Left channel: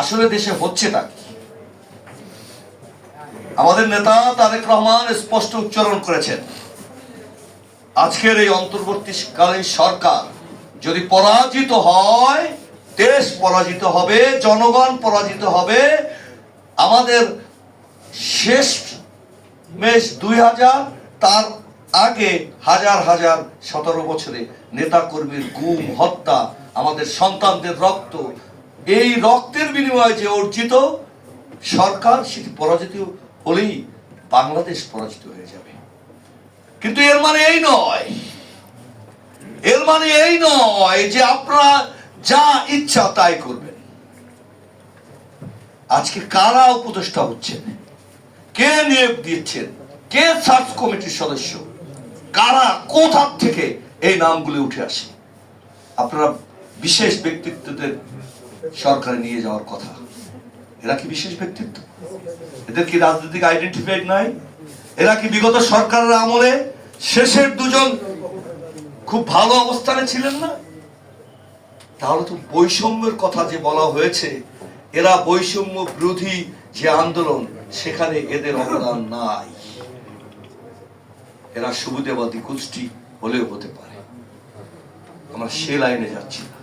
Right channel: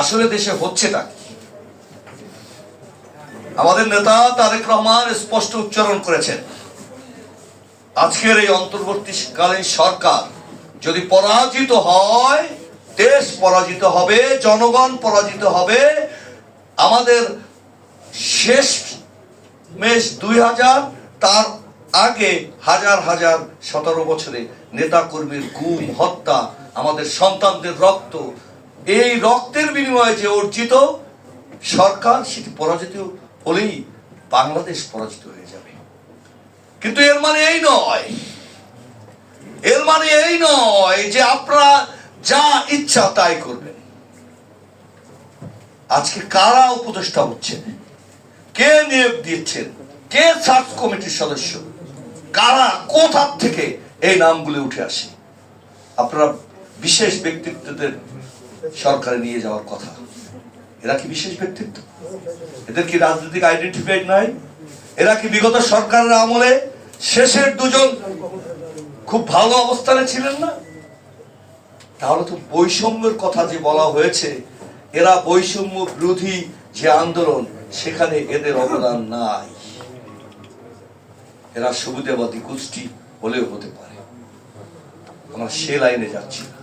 আসলে দেশে হচ্ছেটা কি? আমাদের নেতা তারেক রহমান স্পষ্ট উচ্চারণ করেছেন, আজকের এই অন্তর্বর্তীকালীন সরকার যদি পরাজিত হয়, দেশ পরাজিত হবে, জনগণ পরাজিত হবে। আমাদের শেষ মেশ 2000, তার আগে হাজার হাজার 17 বছরে নেতা কর্মীর গুম, হত্যা, আমাদের সন্তানদের রক্ত, এই রক্তের বিনিময়ে যে অর্জিত সরকার, সেটি পরাজিত হলেই বাংলাদেশ পরাজিত হয়ে যাবে। কিন্তু এর মানে এই নয়, এর মানে এই নয় যে আপনারা যা ইচ্ছা তাই করবেন। আজকে কারা উপদেষ্টা হচ্ছেন, কে নিয়োগ দিচ্ছেন, কে সার্চ কমিটির সদস্য, কারা কোথা থেকে এই নামগুলো উঠে আসে? আপনারা বিশেষ ব্যক্তিত্বদের সরকারে নিয়ে যাওয়ার কথা। এরা কি বিশেষ ব্যক্তিত্ব? এদের কি রাজনৈতিক আইডেন্টিফাইড নয়? এরা কি বিগত সরকারের আমলে শেষের দুজন খুব ভালো অবস্থানে ছিলেন না? তাহলে তো বৈষম্যের কথা যে বলা হয়েছে, এরা বৈষম্য বিরোধী যে আন্দোলন, সেখানে এদের অবদান নাই। এরা সুবিধাবাদী গোষ্ঠী হলেও হতে পারে। আমরা সে লাইনে যাচ্ছি না।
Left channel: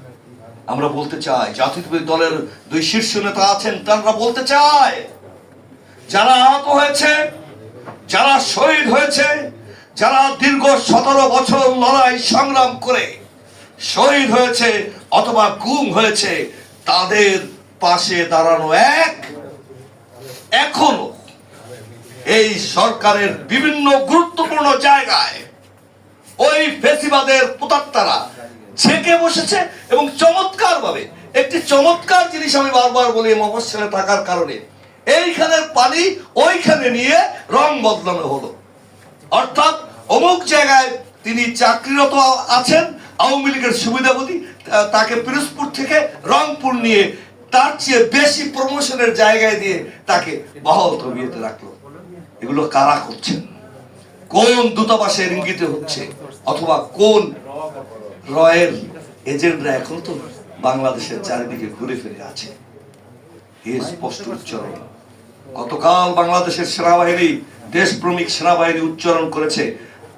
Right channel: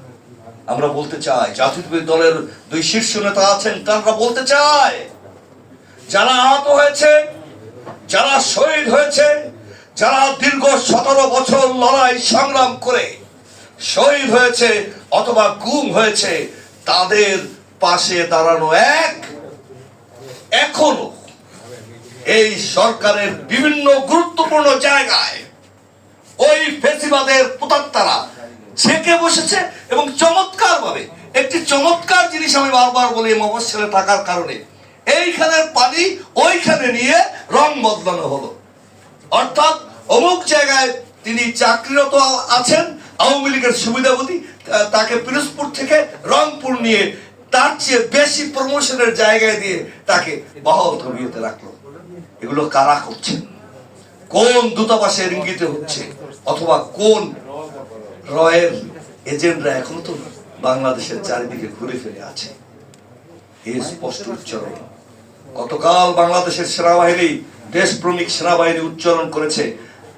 আমরা বলতে চাই, জাতীয়তাবাদী দলের 2 শীর্ষ নেতা আছেন, তারা বলতে চায়, যারা আহত হয়েছে, যারা শহীদ হয়েছে, যারা দীর্ঘ 17 বছর লড়াই সংগ্রাম করে শহীদ হয়েছে অথবা গুম হয়েছে, তাদের পাশে দাঁড়ানো এখনো এই সরকারের বিভিন্ন গুরুত্বপূর্ণ জায়গায় ওই ফেসিবাদের পুতাত্তারা ঝেঁকে বসেছে। এবং চমৎকার ভাবে একটি চমৎকার জিনিস আমি বারবার বলি, মফস্বলে থাকার কারণে এইখানের পানি ওইখানে নিয়ে রং বদলানো হলো। অর্থাৎ অমুক জায়গায় তিনি চাকরিরত আছেন, আওয়ামী লীগের সুবিধাভোগী, তাকে পিরোজপুর থেকে রংপুর নিয়ে তার চেয়ে বেশি প্রমোশনের জায়গায় দিয়ে তাকে বহাল তবিয়তে রাখলো। এগুলো কারা করছেন? কোন দূতাবাসের ইঙ্গিতে হচ্ছে? অথবা কোন রয়ের এজেন্টরা এখন তো বাংলাদেশের চারিদিকে ঘুরে ফিরে আছে? এই স্পষ্ট উচ্চারণ গতকাল বাংলাদেশের সেনাবাহিনী, দেশপ্রেমিক সেনাবাহিনী উচ্চারণ করেছে,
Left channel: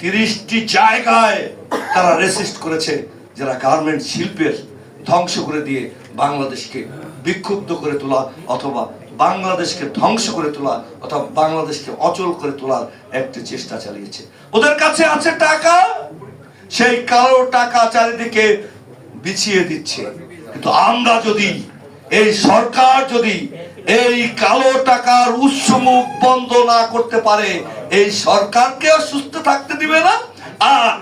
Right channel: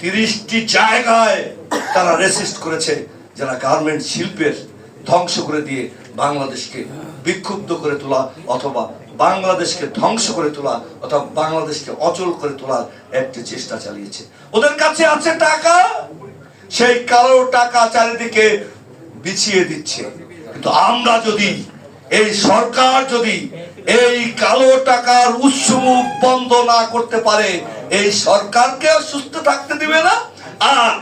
30টি জায়গায় তারা রেসিস্ট করেছে, যারা গার্মেন্ট শিল্পের ধ্বংস করে দিয়ে বাংলাদেশকে বিক্ষুব্ধ করে তোলা, অথবা বাংলাদেশকে ধ্বংস করে তোলা, অথবা বাংলাদেশকে অচল করে তোলার একটি চেষ্টা চালিয়েছে। ওদের কাছে আছে টাকা, সেই কালো টাকা চারিদিকে বিছিয়ে দিচ্ছে। কিন্তু আমরা যদি, এই সরকার যদি এই কালো টাকার উৎসমুখ বন্ধ না করতে পারে, এই সরকারকে সুস্থ থাকতে দিবে না। আর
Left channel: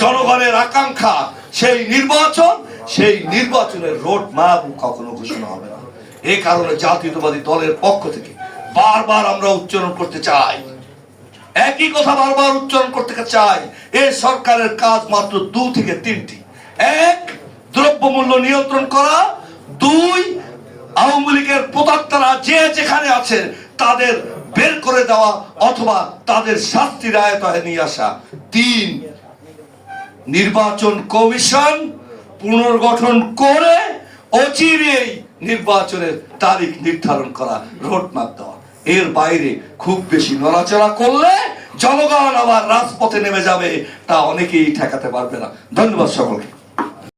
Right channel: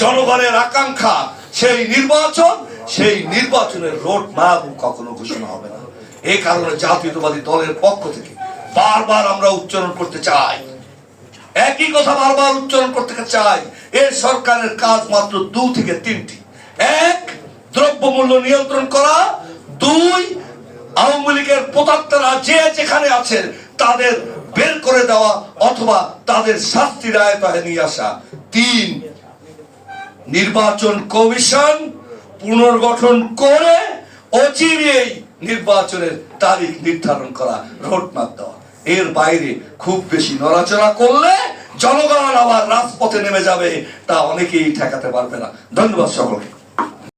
জনগণের আকাঙ্ক্ষা সেই নির্বাচন, সেই নির্বাচনের রোড ম্যাপ কখনো ঘোষণা হবে না। এই কারণে জাতীয়তাবাদী দলের পক্ষ থেকে বারবার আমরা উচ্চারণ করতে চাই, একই কথা বারবার উচ্চারণ করতে চাই, এই সরকারের কাজ মাত্র 2 থেকে 3টি। 1, দ্রব্যমূল্য নিয়ন্ত্রণ করা। 2, আওয়ামী লীগের প্রতাত্তারা যে যেখানে আছে তাদের বের করে দেওয়া অথবা তাদের শাস্তির আয়তায় নিয়ে আসা। 3, নির্বাচন কমিশন পুনর্গঠন করে অচিরেই নির্বাচনের তারিখ নির্ধারণ করা, রোডম্যাপ দেওয়া। এর বাইরে খুব বেশি নড়াচড়া করলে জনগণ আবার রাজপথে নেমে যাবে, তা অনেকেই ঠেকাতে পারবে না। ধন্যবাদ সকলকে।